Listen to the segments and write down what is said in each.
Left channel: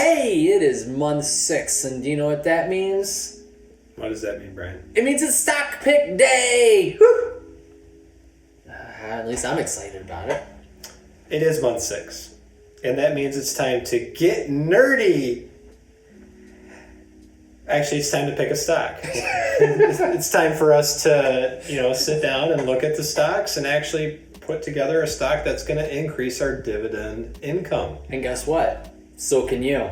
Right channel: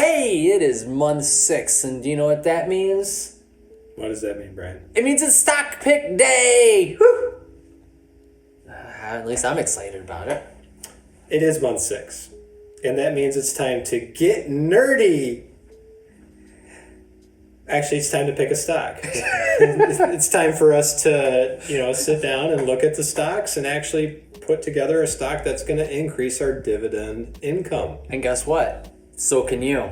Hey, it is month 6, and do you know what that means? What does that mean, Brian? It means it's stock pick day! Woo! At least I'm excited about it. It is month 6, and that means it's time to get nerdy. Actually, it's time to pick a stock. It's time for us to, sit down and look at the stocks and actually put together a stock that's going to increase our dividend income. And guess what? So can you.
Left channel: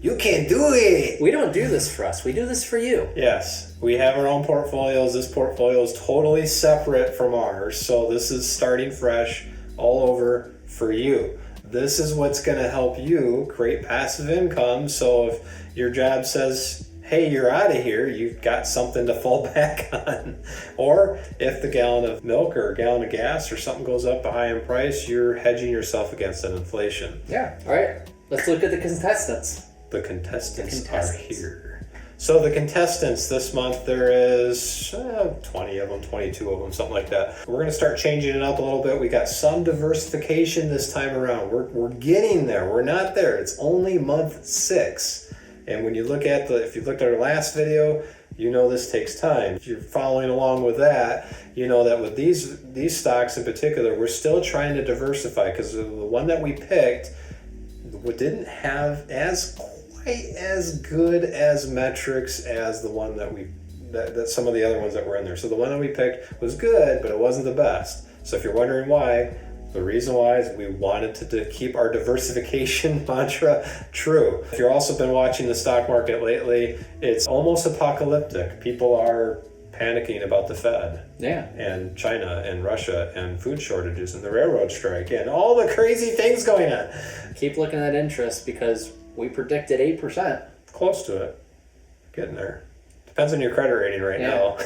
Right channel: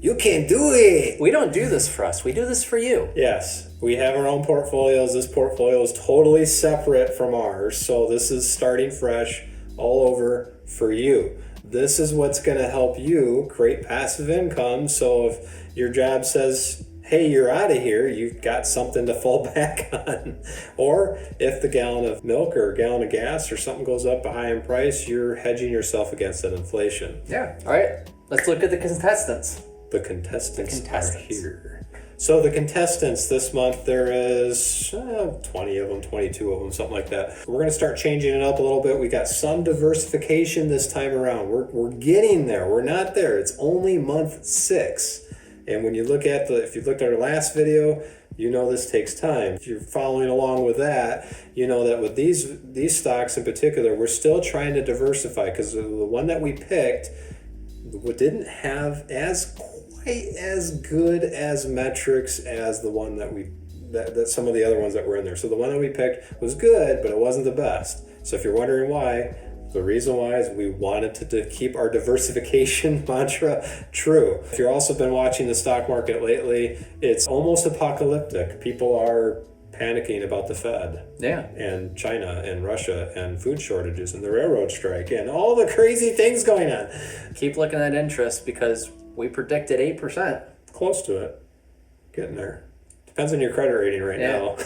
You can do it! We don't do this for us. We do this for you. Yes, we have our own portfolios. This portfolio is totally separate from ours, so this is starting fresh all over for you. This is what's going to help you create passive income, so if your job says, hey, you're out of here, you've got something to fall back on. Or if the gallon of milk or a gallon of gas or something goes up high in price, you're hedging yourself against that inflation. Yeah. All right. Let's look at the contestants. The contestants are here. So the contestants this month, there is 20 of them, 22 of them, something like that. We're going to start changing it up a little bit. We got some diversification this time around. We're getting there. We're not there. It's only month 6. And when you look at if you looked at our last video, you know this takes time. If you're following along with that, you know that with these stocks in particular, we're still trying to diversify because the one that we picked didn't have quite as good as metrics as the one that some of the other ones that were in there. So the one that we picked was good, but it wasn't the best. So if you're wondering why, the reason why is we wanted to keep our diversification mantra true. If you've also been watching the stock market lately, it's almost apocalyptic. People are panicking about the Fed, and China and Russia and food shortages and the railroad strike and all the crazy things going on. Keep looking at interest because we predicted 8%. Close to it. Getting there. Depends on your credit rating right now.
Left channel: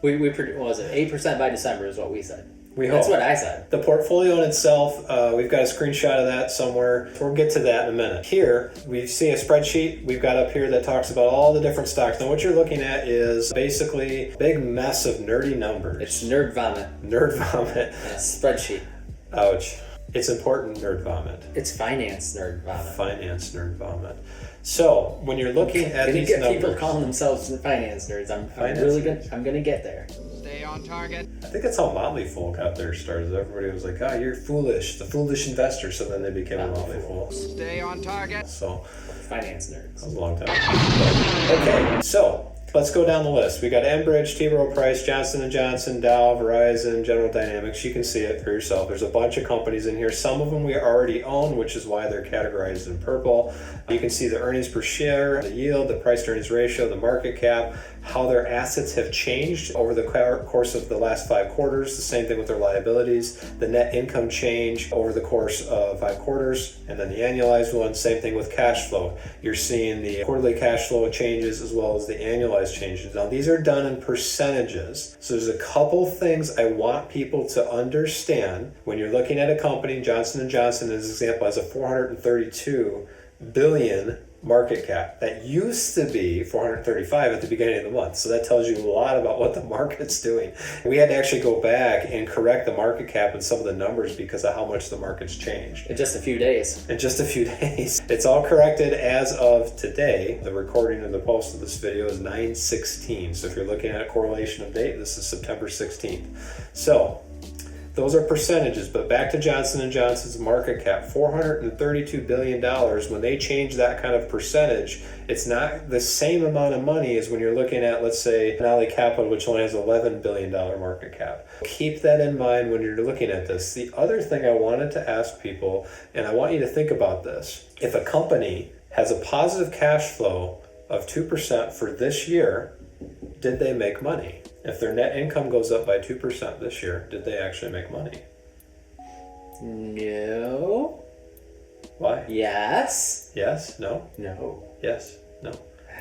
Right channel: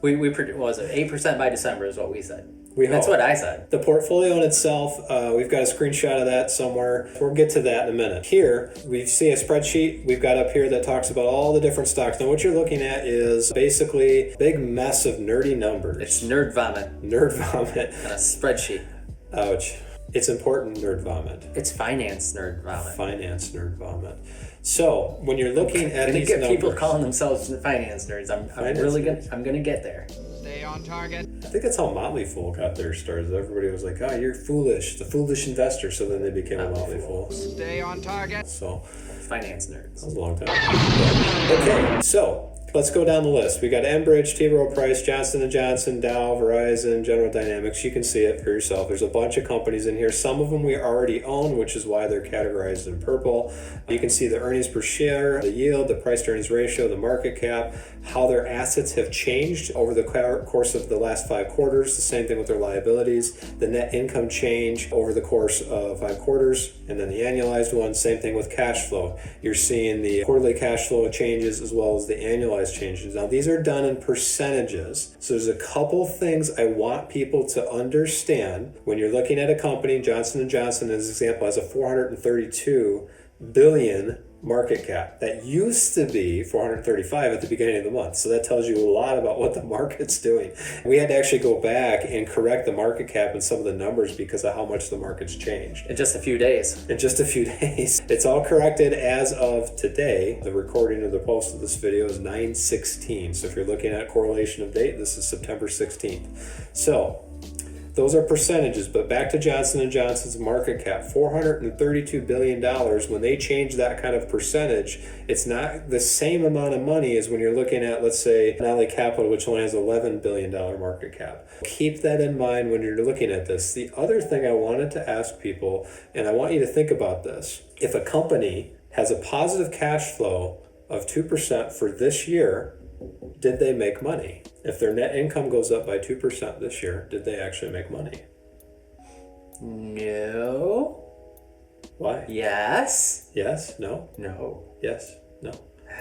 we what was it? 8% by December is what we said. That's what I said. The portfolio in itself, we've got a screenshot of that somewhere. We'll get to that in a minute. Here, we see a spreadsheet we've got up here that talks about all the different stocks. Now, what you're looking at is basically a big mess of nerdy numbers. It's nerd vomit. Nerd vomit. And a spreadsheet. Ouch. It's important nerd vomit. It's finance nerd vomit. Finance nerd vomit. So, when you're looking at these get numbers, people calling themselves finance nerds. I'm gonna get there. Stay on target. I think that's how Motley Fool got their stars. Everybody was like, you're foolish, the foolish investor. So then they became a Motley Fool. Stay on target. So, finance nerds. That was a long time. Okay, so let's go down the list. We got Enbridge, T. Rowe Price, Johnson & Johnson, Dow, Verizon, General Dynamics. You can see it for yourself. There's a bunch of companies in here. Some of them we already own, which is why they're categorized in purple. You can see the earnings per share, the yield, the price to earnings ratio, the market cap, how their assets have changed over the course of the last 5 quarters. The same thing with their liabilities. The net income change over the course of 5 quarters, and then the annualized one. Same thing with cash flow. You're seeing the quarterly cash flow changes as well as the annualized changes. Now, these are done in percentages. So there's a couple things I want people to understand. When you're looking at a company, Johnson & Johnson, as an example, has a $432 billion market cap. That used to be 435 at the beginning of the month. So that tells you a lot about what the market's doing. We had to actually go back and correct the market cap and some of the numbers because of how much the market's changed. In just a few days. In just a few days. It's all corrected as of today. The recording of the post of this video is 9/16. So if you're looking at a correlation of date, this is September 16th. So those are percentages, but back to Johnson & Johnson's market cap, $432 billion. When they change that kind of percentage, it's not the same amount of money as when you're looking at, let's say, Denali Capital, which only has $11 billion market cap. Keep that in mind when you're looking at this. The other thing I wanted to ask people, and I want you to think about this, if a company has a positive cash flow of 2% for this year, did they make money? If their net income goes up by 2% this year, did they actually make money? No. Why? Yes. Yes? No? No. Yes? No? I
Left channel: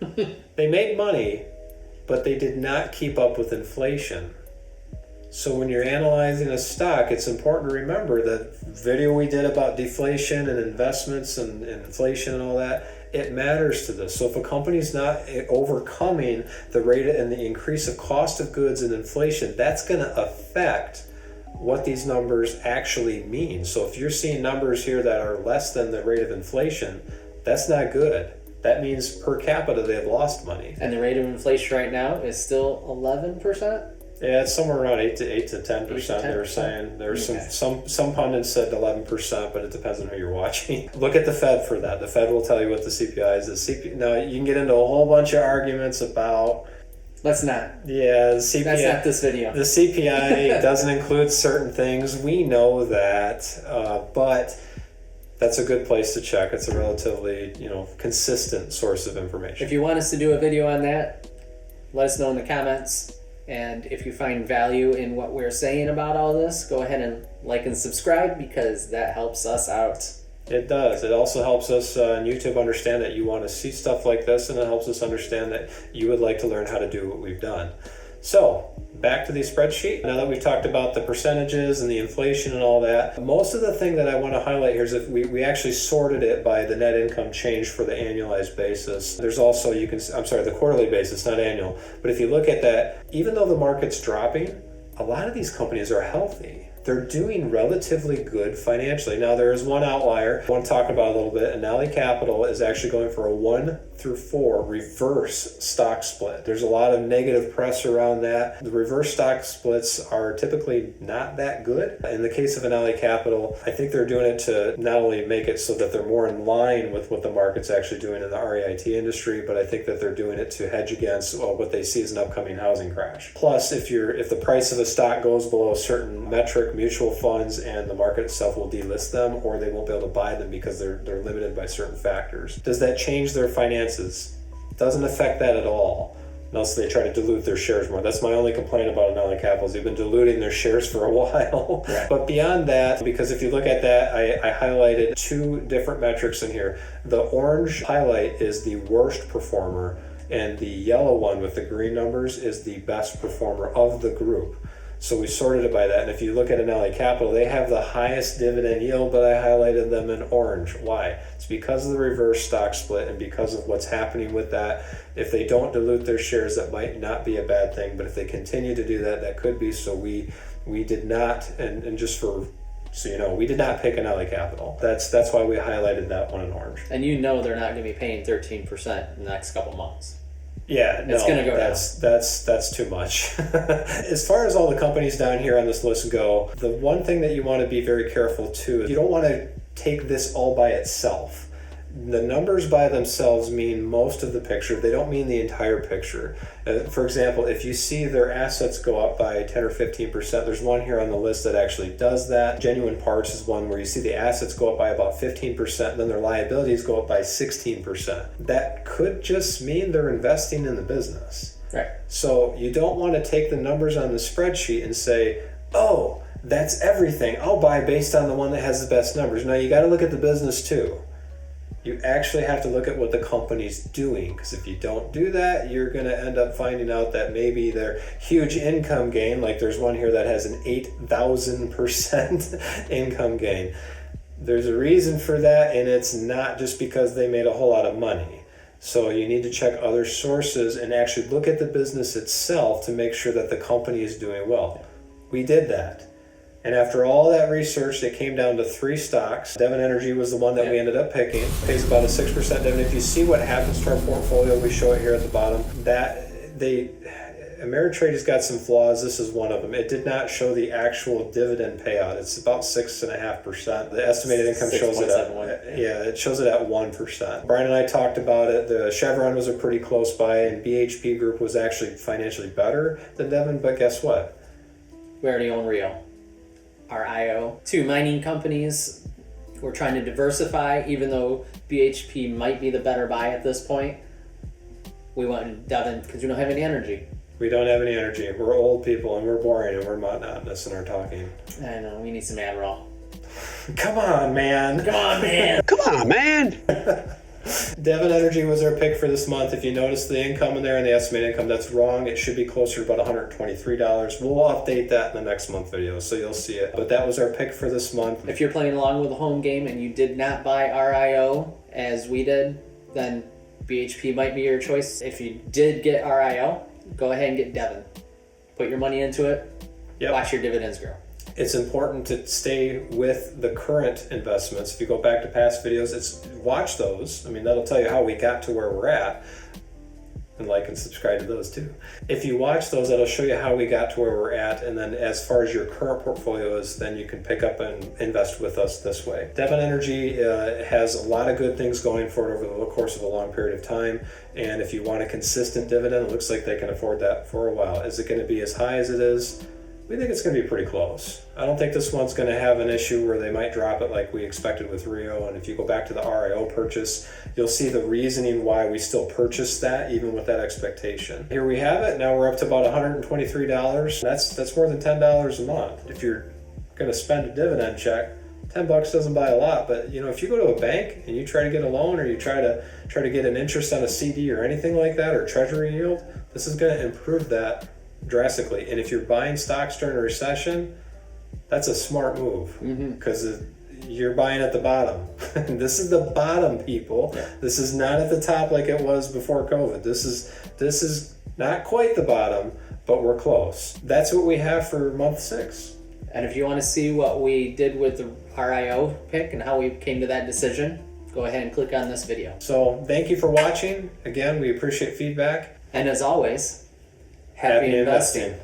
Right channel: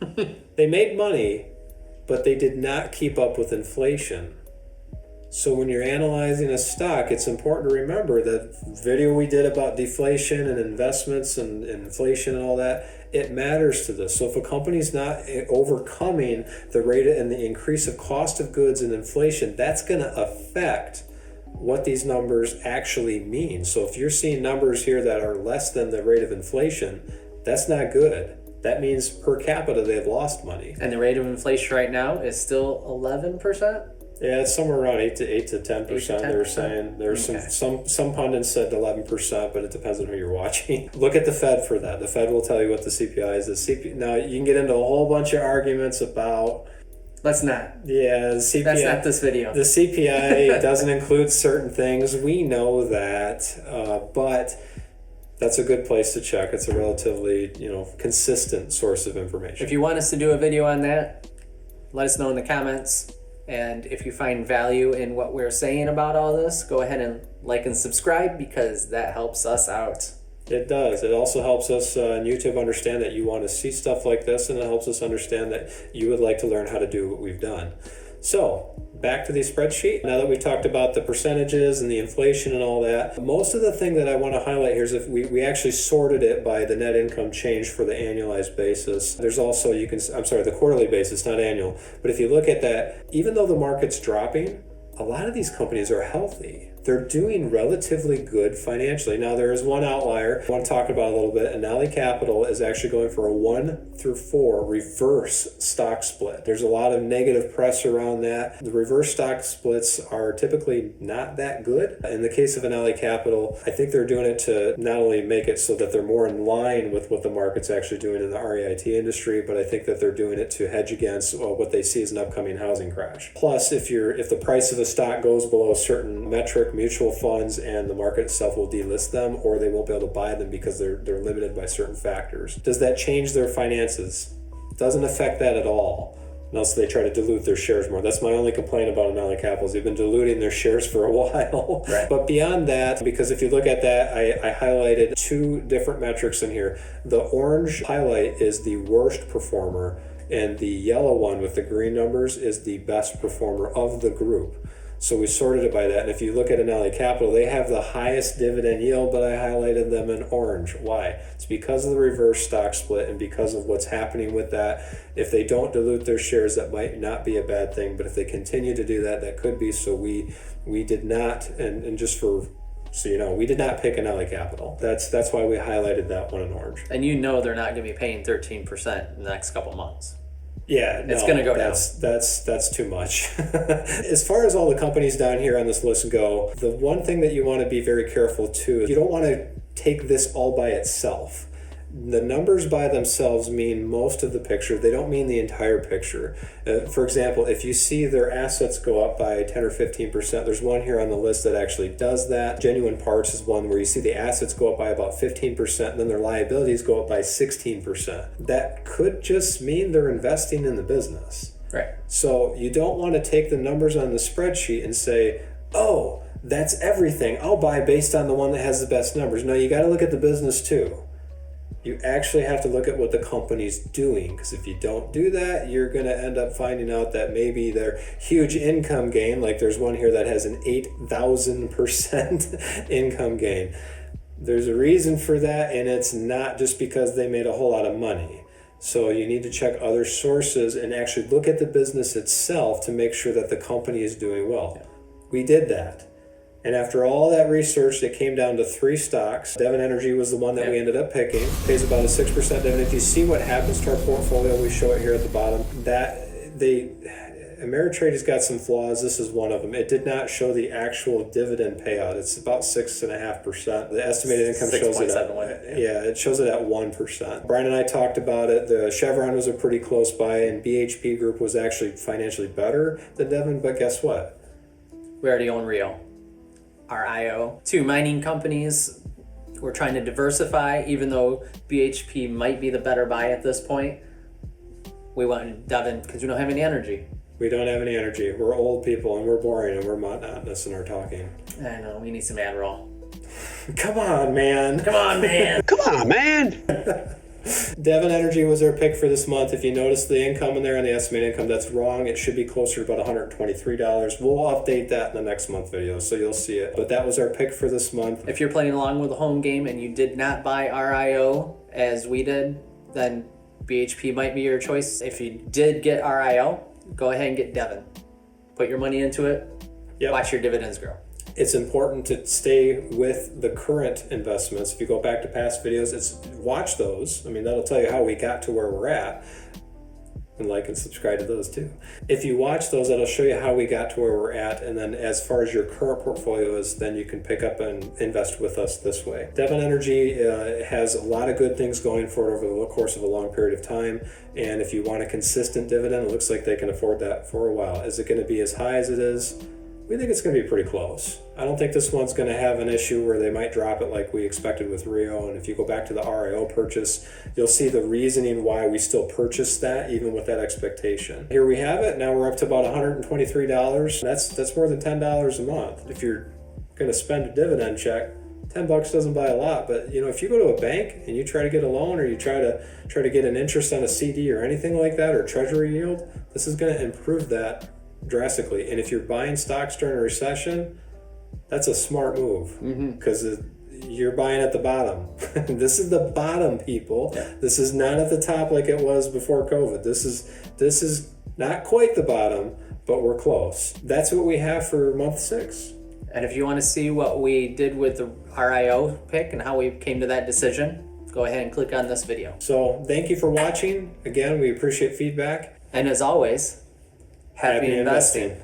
don't know. They made money, but they did not keep up with inflation. So when you're analyzing a stock, it's important to remember that video we did about deflation and investments and inflation and all that, it matters to this. So if a company's not overcoming the rate and the increase of cost of goods and inflation, that's going to affect what these numbers actually mean. So if you're seeing numbers here that are less than the rate of inflation, that's not good. That means per capita they've lost money. And the rate of inflation right now is still 11%? Yeah, it's somewhere around 8 to 10%. They were saying there's Okay. some pundits said 11%, but it depends on who you're watching. Look at the Fed for that. The Fed will tell you what the CPI is. Now you can get into a whole bunch of arguments about. Let's not. Yeah, the CPI. That's not this video. The CPI doesn't include certain things. We know that, but that's a good place to check. It's a relatively, consistent source of information. If you want us to do a video on that, let us know in the comments. And if you find value in what we're saying about all this, go ahead and like and subscribe because that helps us out. It does. It also helps us on YouTube understand that you want to see stuff like this, and it helps us understand that you would like to learn how to do what we've done. So, back to the spreadsheet. Now that we've talked about the percentages and the inflation and all that, most of the thing that I want to highlight here is if we actually sorted it by the net income change for the annualized basis. There's also, the quarterly basis, not annual. But if you look at that, even though the market's dropping, a lot of these companies are healthy. They're doing relatively good financially. Now, there is one outlier I want to talk about a little bit. Annaly Capital is actually going for a 1 through 4 reverse stock split. There's a lot of negative press around that. The reverse stock splits are typically not that good. In the case of Annaly Capital, I think they're doing it to not only make it so that they're more in line with what the market's actually doing in the REIT industry, but I think that they're doing it to hedge against what they see as an upcoming housing crash. Plus, if the price of a stock goes below a certain metric, mutual funds and the market itself will delist them, or they won't be able to buy them because they're limited by certain factors. Does that change their finances? Doesn't affect that at all, unless they try to dilute their shares more. That's my only complaint about Annaly Capital is they've been diluting their shares for a while. Right. But beyond that, because if you look at that, I highlighted 2 different metrics in here. The orange highlight is the worst performer, and the yellow one with the green numbers is the best performer of the group. So we sorted it by that. And if you look at Annaly Capital, they have the highest dividend yield, but I highlighted them in orange. Why? It's because of the reverse stock split and because of what's happening with that. If they don't dilute their shares, that might not be a bad thing. But if they continue to do that, that could be. So we did not, and just for so you know, we did not pick Annaly Capital. That's why we highlighted that one in orange. And they're not going to be paying 13% in the next couple months. Yeah, it's going to go down. That's too much. As far as all the companies down here on this list go, the one thing that you want to be very careful too is you don't want to take this all by itself. The numbers by themselves mean most of the picture. They don't mean the entire picture. For example, if you see their assets go up by 10 or 15%, there's one here on the list that actually does that. Genuine Parts is one where you see the assets go up by about 15%, and then their liabilities go up by 16%. That could just mean they're investing in the business. Right. So you don't want to take the numbers on the spreadsheet and say, oh, that's everything. I'll buy based on the one that has the best numbers. No, you got to look at the business too. You actually have to look at what the company's doing, because if you don't do that, you're going to end up finding out that maybe their huge income gain, like there's one here that has an 8,000% income gain. There's a reason for that, and it's not just because they made a whole lot of money. So you need to check other sources and actually look at the business itself to make sure that the company is doing well. We did that. And after all that research, it came down to 3 stocks. Devon Energy was the one that we ended up picking. Pays about a 6% dividend. If you see what happens to our portfolio, we show it here at the bottom. Ameritrade has got some flaws. This is one of them. It did not show the actual dividend payout. It's about 6.5%. The estimated income shows it at it shows it at 1%. Brian and I talked about it. The Chevron was a pretty close buy, and BHP Group was actually financially better than Devon. But guess what? We already own Rio. RIO. 2 mining companies. We're trying to diversify, even though BHP might be the better buy at this point. We went Devon because we don't have any energy. We don't have any energy. We're old people and we're boring and we're monotonous in our talking. I know, we need some Adderall. Come on, man. Come on, man. Come on, man. Devon Energy was our pick for this month. If you notice the income in there and the estimated income, that's wrong. It should be closer to about $123. We'll update that in the next month video, so you'll see it. But that was our pick for this month. If you're playing along with a home game and you did not buy RIO as we did, then BHP might be your choice. If you did get RIO, go ahead and get Devon. Put your money into it. Yep. Watch your dividends grow. It's important to stay with the current investments. If you go back to past videos, watch those. I mean, that'll tell you how we got to where we're at. And like and subscribe to those too. If you watch those, that'll show you how we got to where we're at. And then as far as your current portfolio is, then you can pick up and invest with us this way. Devon Energy has a lot of good things going for it over the course of a long period of time. And if you want a consistent dividend, it looks like they can afford that for a while. Is it going to be as high as it is? We think it's going to be pretty close. I don't think this one's going to have an issue where they might drop it like we expected with Rio. And if you go back to the RIO purchase, you'll see the reasoning why we still purchased that, even with that expectation. Here we have it. Now we're up to about $123. That's more than $10 a month. If you're going to spend a dividend check, $10 doesn't buy a lot. But you know, if you go to a bank and you try to get a loan, or you try to get an interest on a CD or anything like that, or treasury yield, this is going to improve that drastically. And if you're buying stocks during a recession, that's a smart move, because you're buying at the bottom. This is the bottom, people. Yeah. This is not at the top like it was before COVID. This is not quite the bottom, but we're close. That's what we have for month 6. And if you want to see what we did with the RIO pick and how we came to that decision, go ahead and click on this video. So thank you for watching. Again, we appreciate feedback. And as always, happy investing.